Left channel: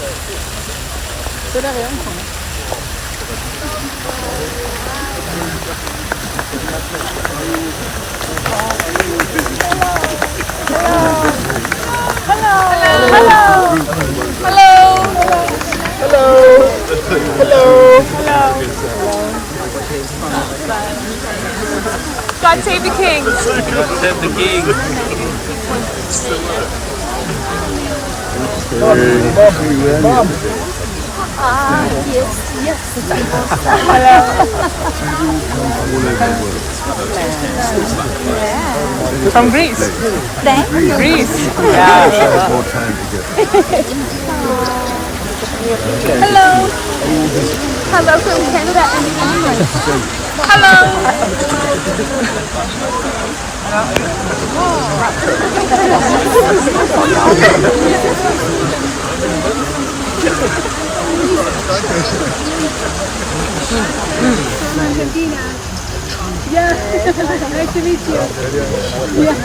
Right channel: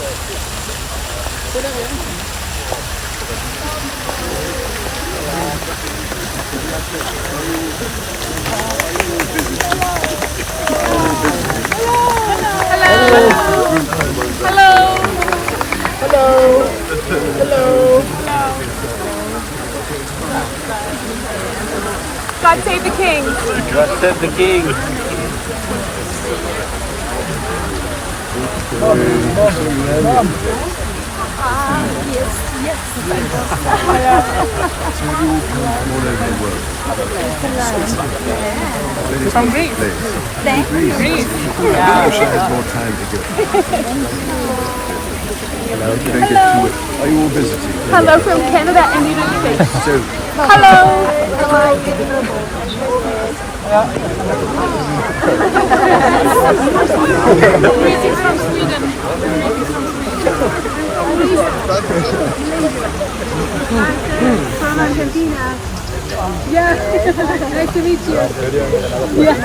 God save the king. God save the king. From Greece. Greece. I wish I had more time to get. Hello. Are you all busy? Hello from Canada and the United So, From Argentina. Yeah, nice to meet you. Yeah.